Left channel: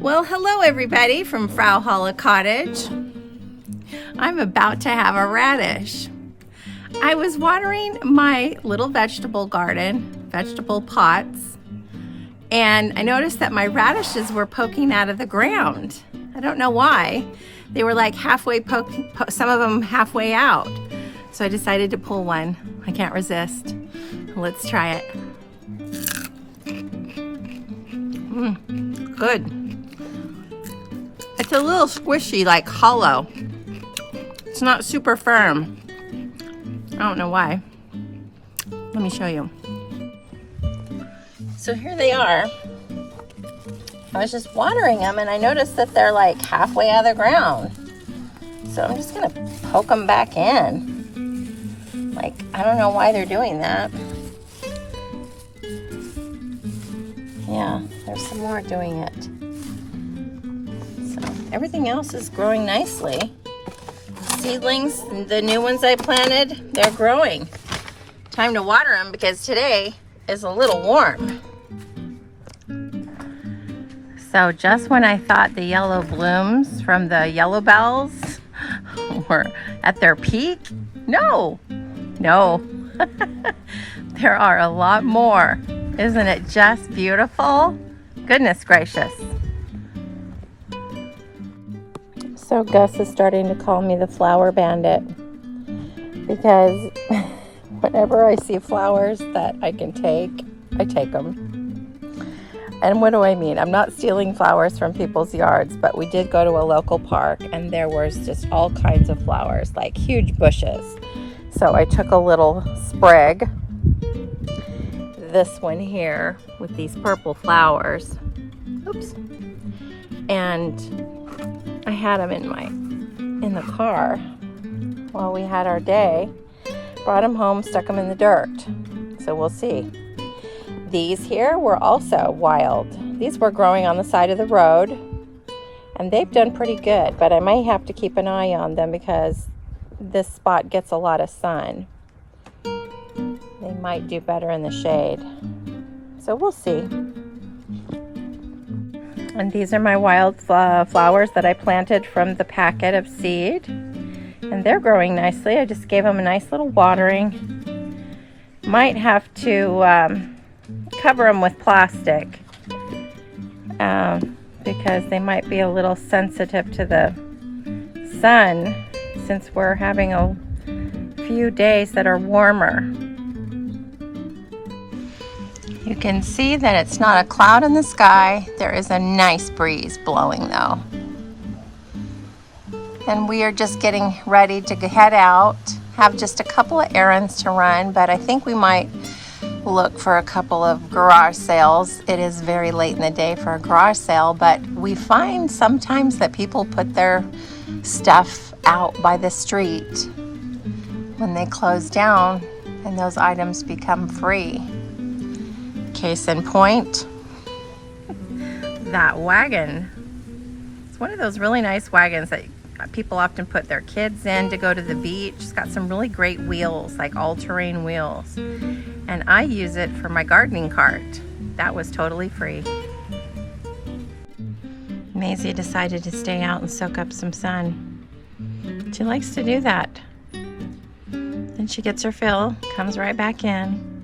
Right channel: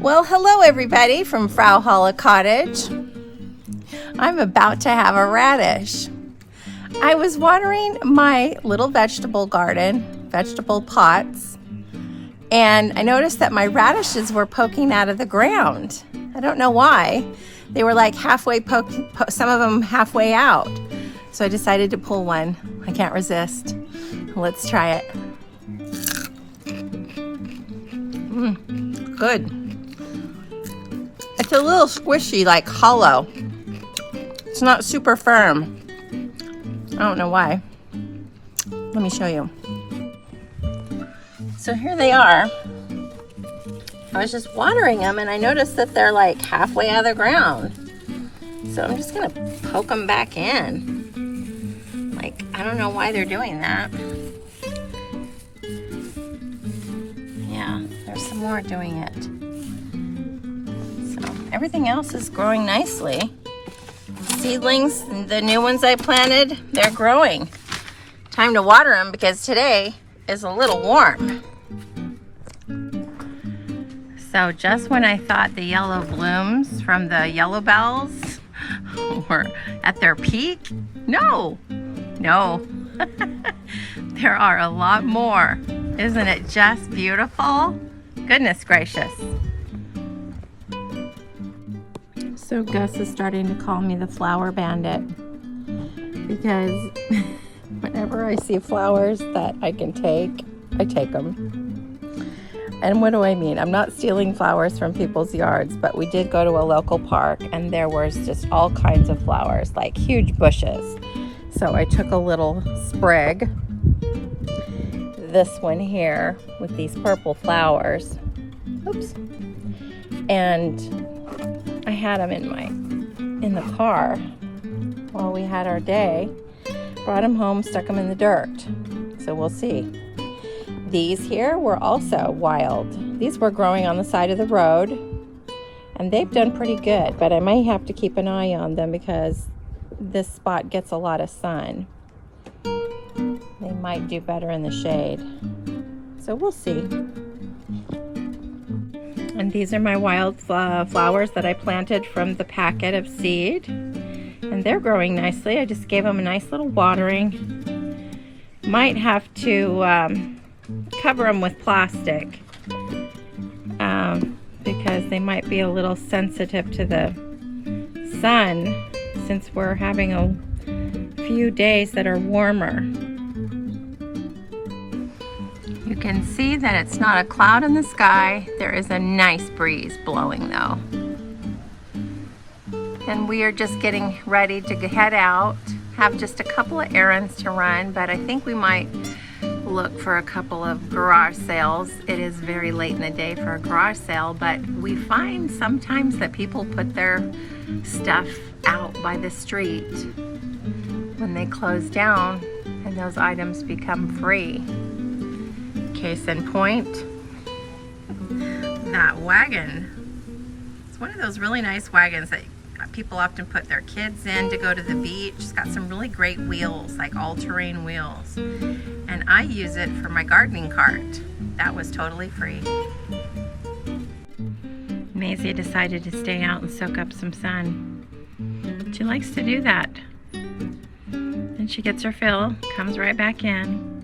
Well, hello everybody from Frau Holle Cottage. I'm about to have a radish. I was watering my little vegetable garden, vegetable pots, and I noticed that my radishes were poking out of the ground. I don't know why. They were like halfway some of them halfway out. So I decided to pull one. I can't resist. Let's try it. Good. It's a little squishy, like hollow. It's not super firm. I don't know why. Let me show you. So here they are. I was just watering them and I noticed that they're like halfway out of the ground. So I'm just gonna poke them back in. Like, I don't know why they're doing that. Yeah, there's some more doing it. So everything else is growing nicely. Seedlings, the new ones I planted, they're growing. Time to water them because today is a little warm. So just when I thought the yellow blooms from the yellow bells were at their peak, no. There are a lot more. Isn't it just beautiful? Goodness gracious. So Gus is starting to call me the Flower Bandit because whenever I see flowers that I can take, I take them. And what do I mean? I'm not stealing flowers from people's yards, but we did go to a local park and there was just all kinds of flowers, like huge bushes. So I took a little sprig, this one here with these purple flowers. Oops. And I had them in the car while we had our day. Brought them home, stuck them in the dirt. So we'll see. These here were also wild. These were growing on the side of the road and they've done pretty good, but I might have to keep an eye on them because this spot gets a lot of sun. They might do better in the shade. So we'll see. And these are my wild flowers that I planted from the packet of seed. And they're growing nicely. I just gave them a nice little watering. Might have to cover them with plastic because they might be a little sensitive to the sun since we're having a few days that are warmer. You can see that it's not a cloud in the sky. There is a nice breeze blowing though. And we are just getting ready to head out. Have just a couple of errands to run, but I think we might look for a couple of garage sales. It is very late in the day for a garage sale, but we find sometimes that people put their stuff out by the street when they close down and those items become free. Case in point, that wagon. It's one of those really nice wagons that people often put their kids in to go to the beach. It's got some really great wheels, like all-terrain wheels. And I use it for my gardening cart. That was totally free. Maisie decided to stay out and soak up some sun. She likes to do that. Then she gets her fill, comes right back in.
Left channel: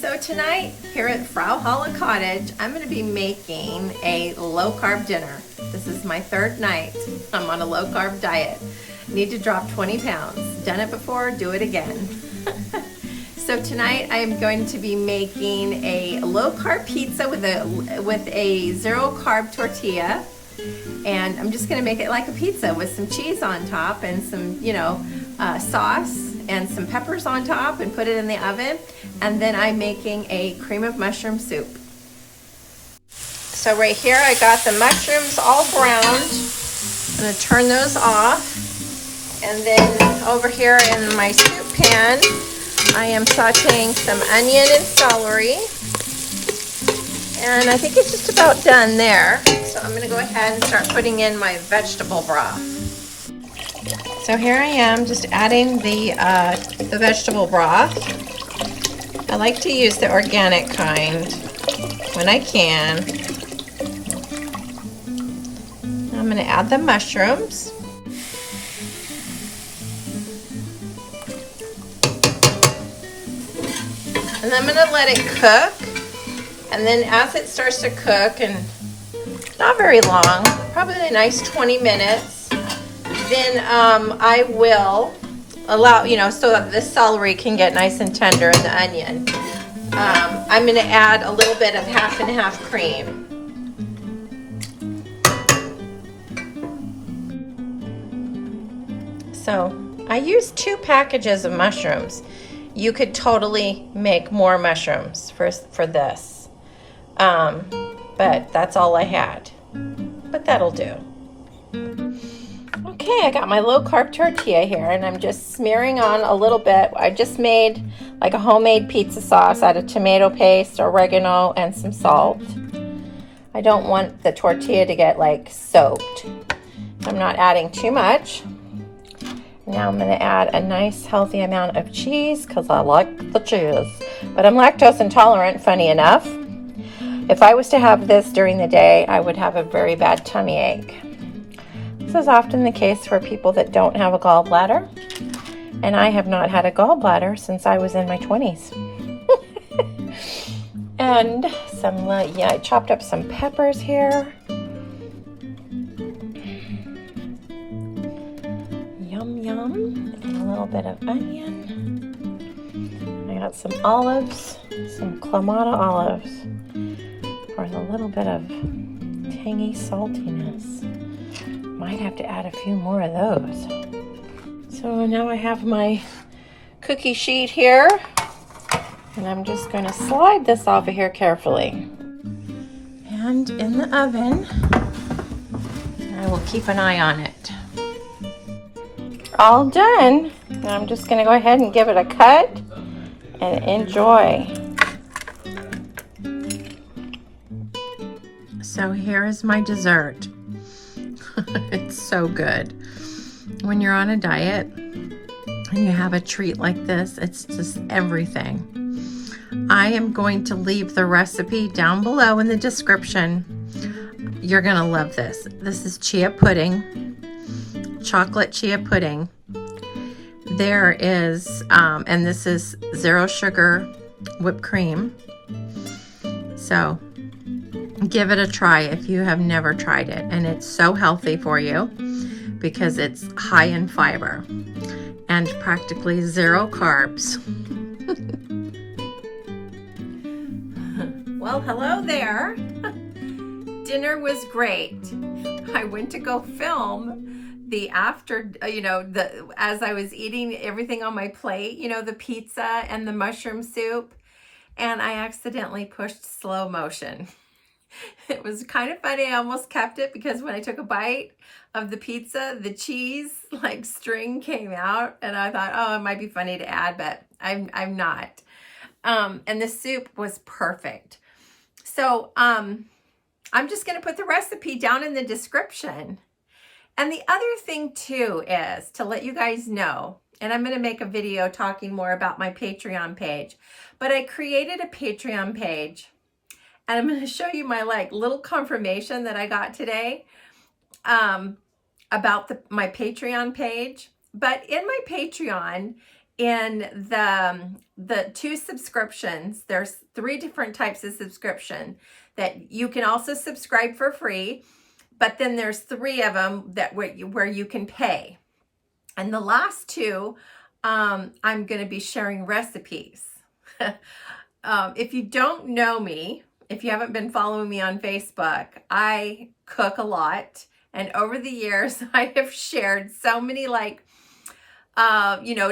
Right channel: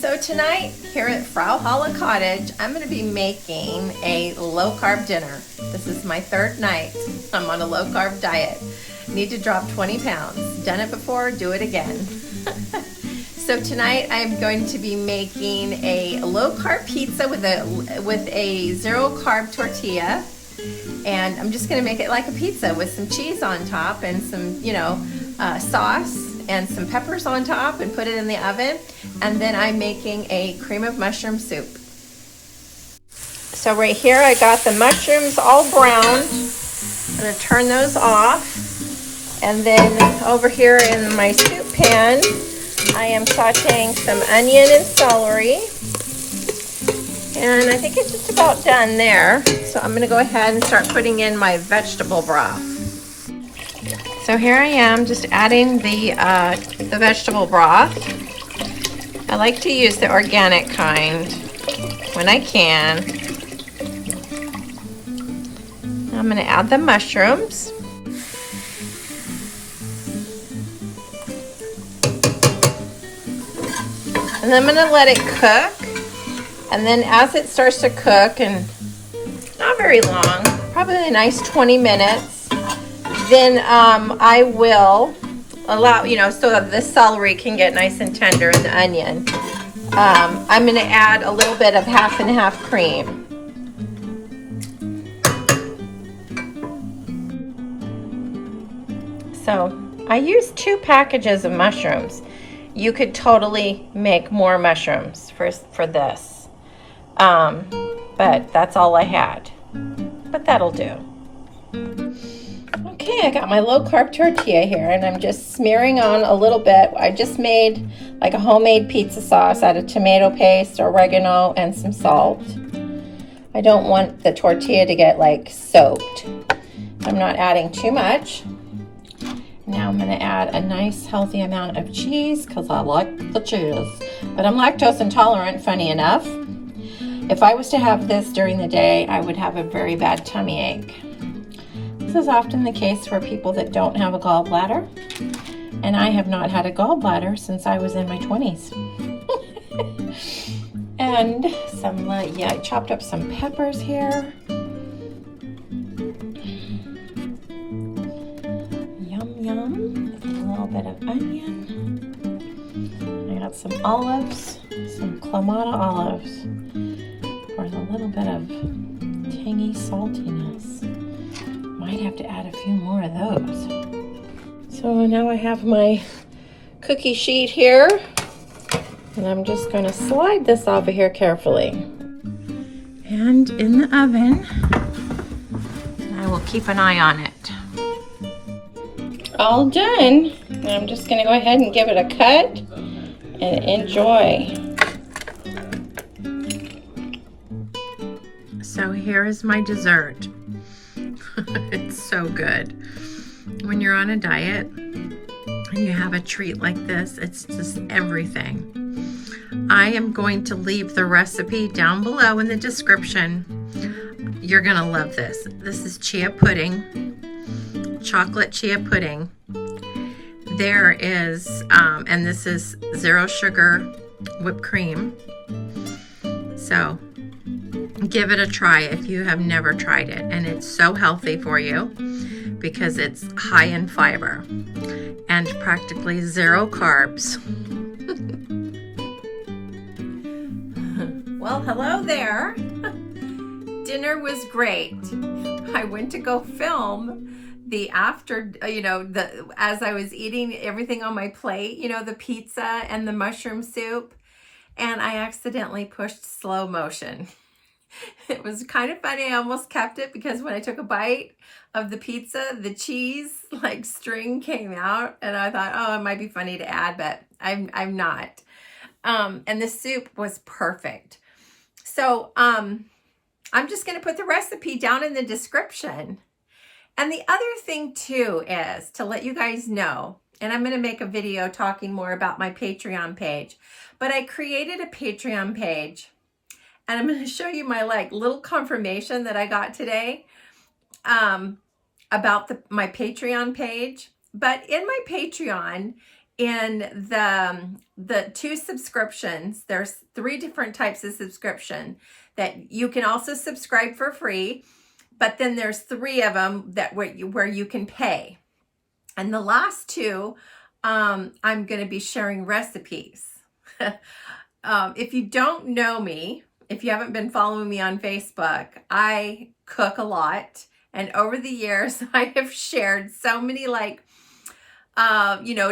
So tonight here at Frau Holle Cottage, I'm going to be making a low-carb dinner. This is my third night. I'm on a low-carb diet. Need to drop 20 pounds. Done it before, do it again. So tonight I am going to be making a low-carb pizza with a zero-carb tortilla. And I'm just going to make it like a pizza with some cheese on top and some, sauce and some peppers on top and put it in the oven. And then I'm making a cream of mushroom soup. So right here I got the mushrooms all browned. I'm going to turn those off. And then over here in my soup pan, I am sauteing some onion and celery. And I think it's just about done there. So I'm gonna go ahead and start putting in my vegetable broth. So here I am just adding the vegetable broth. I like to use the organic kind when I can. I'm gonna add the mushrooms. And then I'm gonna let it cook. And then as it starts to cook, and not very long, probably a nice 20 minutes, then I will allow, so that the celery can get nice and tender and the onion. I'm gonna add a little bit of half and half cream. So I used 2 packages of mushrooms. You could totally make more mushrooms for this. But that's all I had. But that'll do. Okay, I got my low carb tortilla here, and I'm just smearing on a little bit. I just made like a homemade pizza sauce out of tomato paste, oregano, and some salt. I don't want the tortilla to get like soaked. I'm not adding too much. Now I'm going to add a nice healthy amount of cheese because I like the cheese. But I'm lactose intolerant, funny enough. If I was to have this during the day, I would have a very bad tummy ache. This is often the case for people that don't have a gallbladder. And I have not had a gallbladder since I was in my 20s. And I chopped up some peppers here. Bit of onion. I got some olives, some Clamato olives for a little bit of tangy saltiness. Might have to add a few more of those. So now I have my cookie sheet here, and I'm just going to slide this off of here carefully. And in the oven, I will keep an eye on it. All done. I'm just gonna go ahead and give it a cut and enjoy. So here is my dessert. It's so good. When you're on a diet and you have a treat like this, it's just everything. I am going to leave the recipe down below in the description. You're gonna love this. This is chia pudding. Chocolate chia pudding. There is, and this is 0 sugar whipped cream. So give it a try if you have never tried it. And it's so healthy for you because it's high in fiber and practically 0 carbs. Well, hello there. Dinner was great. I went to go film the after, as I was eating everything on my plate, the pizza and the mushroom soup, and I accidentally pushed slow motion. It was kind of funny. I almost kept it because when I took a bite of the pizza, the cheese string came out, and I thought, oh, it might be funny to add, but I'm not. And the soup was perfect. So I'm just going to put the recipe down in the description. And the other thing too is to let you guys know, and I'm going to make a video talking more about my Patreon page, but I created a Patreon page, and I'm going to show you my little confirmation that I got today about my Patreon page. But in my Patreon, in the 2 subscriptions, there's 3 different types of subscription that you can also subscribe for free. But then there's 3 of them that where you can pay. And the last 2, I'm going to be sharing recipes. If you don't know me, if you haven't been following me on Facebook, I cook a lot. And over the years, I have shared so many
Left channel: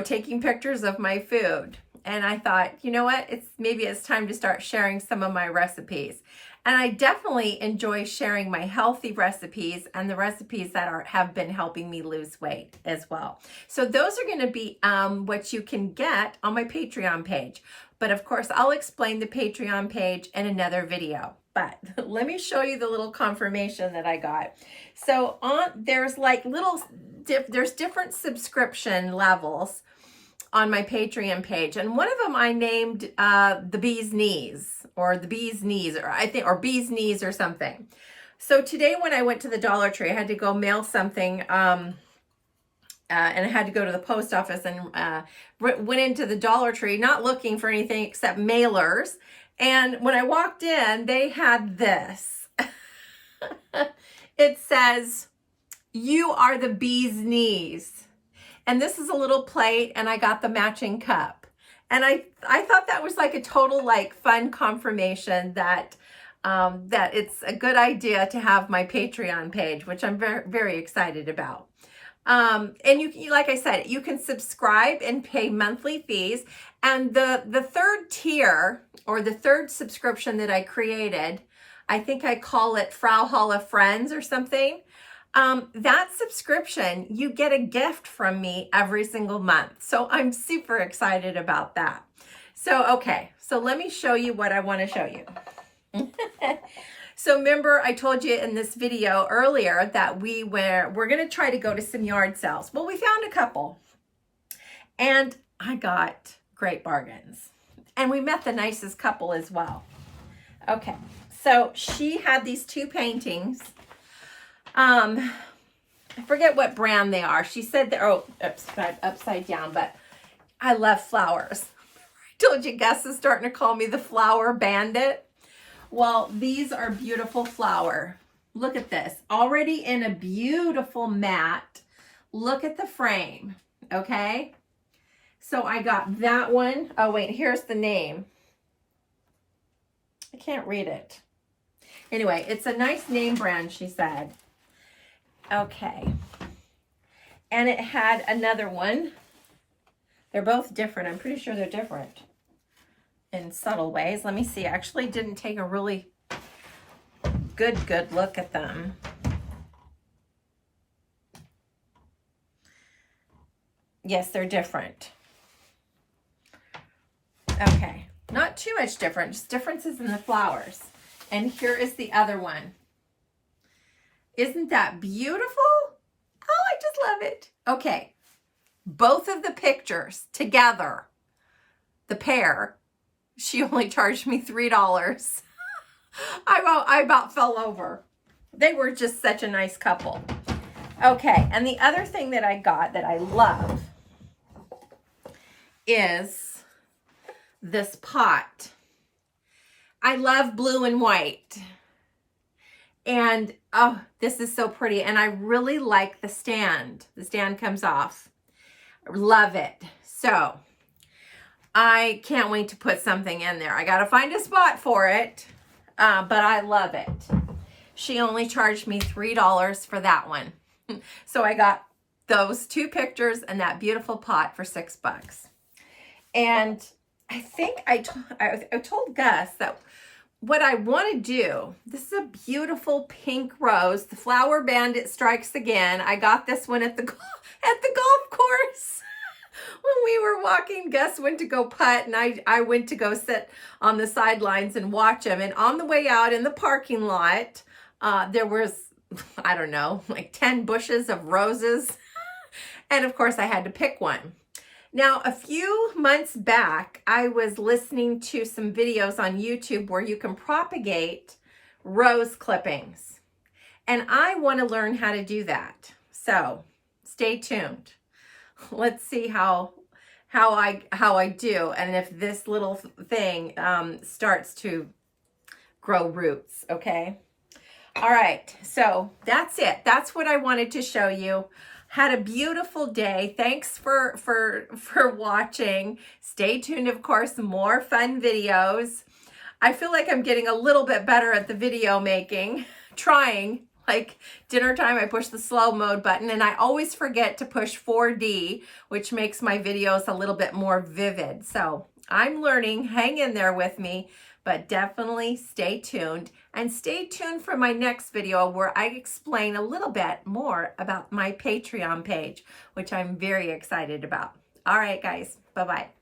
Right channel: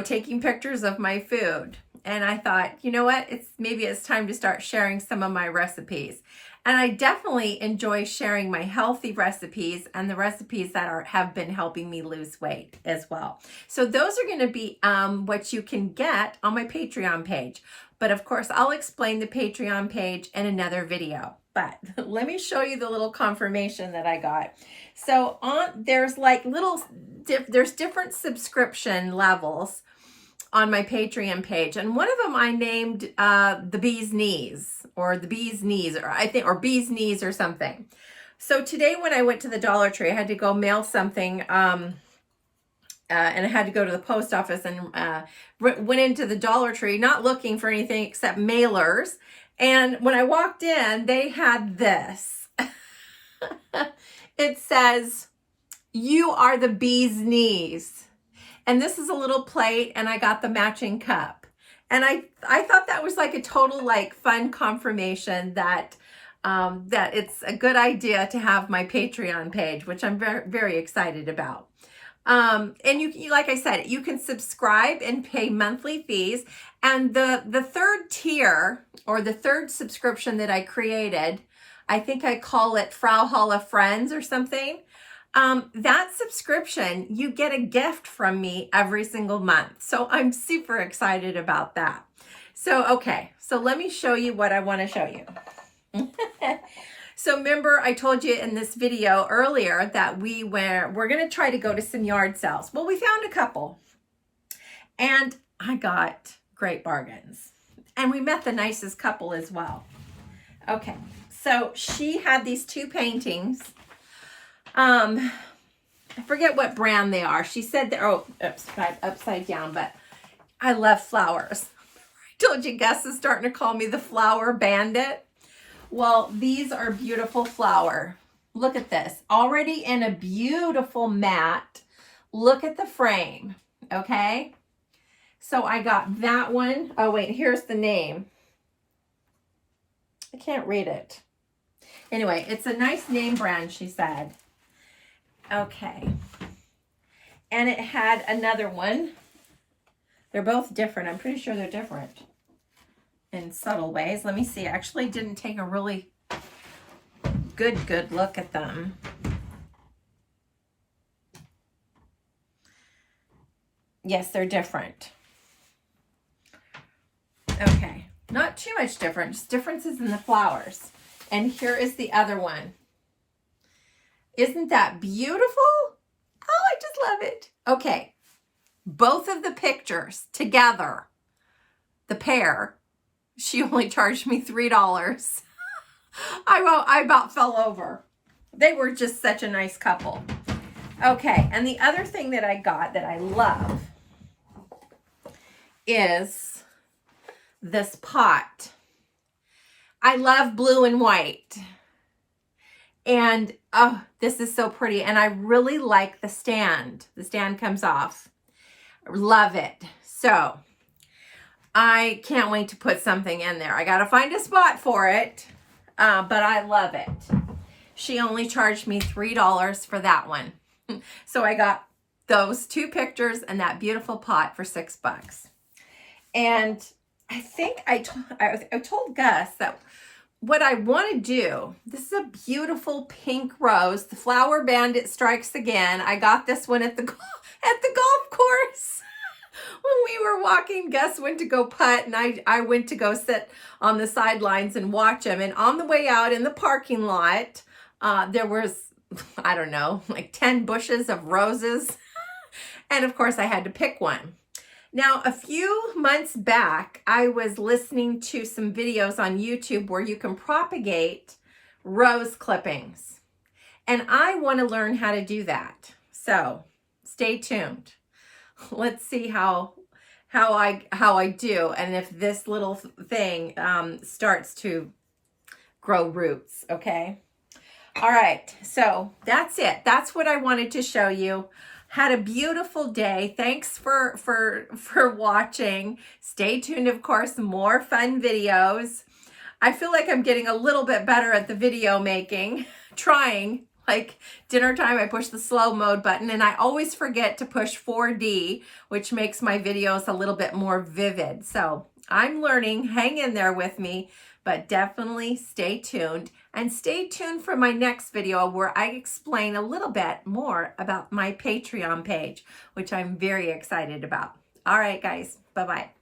taking pictures of my food. And I thought, you know what? Maybe it's time to start sharing some of my recipes. And I definitely enjoy sharing my healthy recipes and the recipes that have been helping me lose weight as well. So those are going to be what you can get on my Patreon page. But of course, I'll explain the Patreon page in another video. but let me show you the little confirmation that I got. So there's like there's different subscription levels on my Patreon page. And one of them I named the Bee's Knees, or the Bee's Knees, or Bee's Knees or something. So today when I went to the Dollar Tree, I had to go mail something, and I had to go to the post office, and went into the Dollar Tree not looking for anything except mailers. And when I walked in, they had this. It says, "You are the bee's knees." And this is a little plate, and I got the matching cup. And I thought that was like a total like fun confirmation that that it's a good idea to have my Patreon page, which I'm very, very excited about. And you, like I said, you can subscribe and pay monthly fees. And the third tier, or the third subscription that I created, I think I call it Frau Holle Friends or something. That subscription, you get a gift from me every single month. So I'm super excited about that. So, okay, so let me show you what I want to show you. So remember, I told you in this video earlier that we're going to try to go to some yard sales. Well, we found a couple, and I got great bargains, and we met the nicest couple as well. Okay, so she had these two paintings. I forget what brand they are. She said they're, upside down, but I love flowers. I told you Gus is starting to call me the Flower Bandit. Well, these are beautiful flower. Look at this. Already in a beautiful matte. Look at the frame, okay? So I got that one. Oh, wait, here's the name. I can't read it. Anyway, it's a nice name brand, she said. Okay. And it had another one. They're both different. I'm pretty sure they're different in subtle ways. Let me see. I actually didn't take a really good look at them. Yes, they're different. Okay. Not too much different, just differences in the flowers. And here is the other one. Isn't that beautiful? Oh, I just love it. Okay. Both of the pictures together, the pair, she only charged me $3. I about fell over. They were just such a nice couple. Okay, and the other thing that I got that I love is this pot. I love blue and white. And, oh, this is so pretty. And I really like the stand. The stand comes off. Love it. So, I can't wait to put something in there. I got to find a spot for it, but I love it. She only charged me $3 for that one. So I got those two pictures and that beautiful pot for $6. And I think I told Gus that what I want to do, this is a beautiful pink rose. The Flower Bandit Strikes Again. I got this one at the golf course. When we were walking, Gus went to go putt, and I went to go sit on the sidelines and watch him. And on the way out in the parking lot, there was, I don't know, like 10 bushes of roses. And of course, I had to pick one. Now, a few months back, I was listening to some videos on YouTube where you can propagate rose clippings. And I want to learn how to do that. So stay tuned. Let's see how I do, and if this little thing starts to grow roots. Okay. All right. So that's it. That's what I wanted to show you. Had a beautiful day. Thanks for watching. Stay tuned, of course, more fun videos. I feel like I'm getting a little bit better at the video making, trying. Like dinner time, I push the slow mode button, and I always forget to push 4D, which makes my videos a little bit more vivid. So I'm learning. Hang in there with me, but definitely stay tuned. And stay tuned for my next video where I explain a little bit more about my Patreon page, which I'm very excited about. All right, guys. Bye-bye.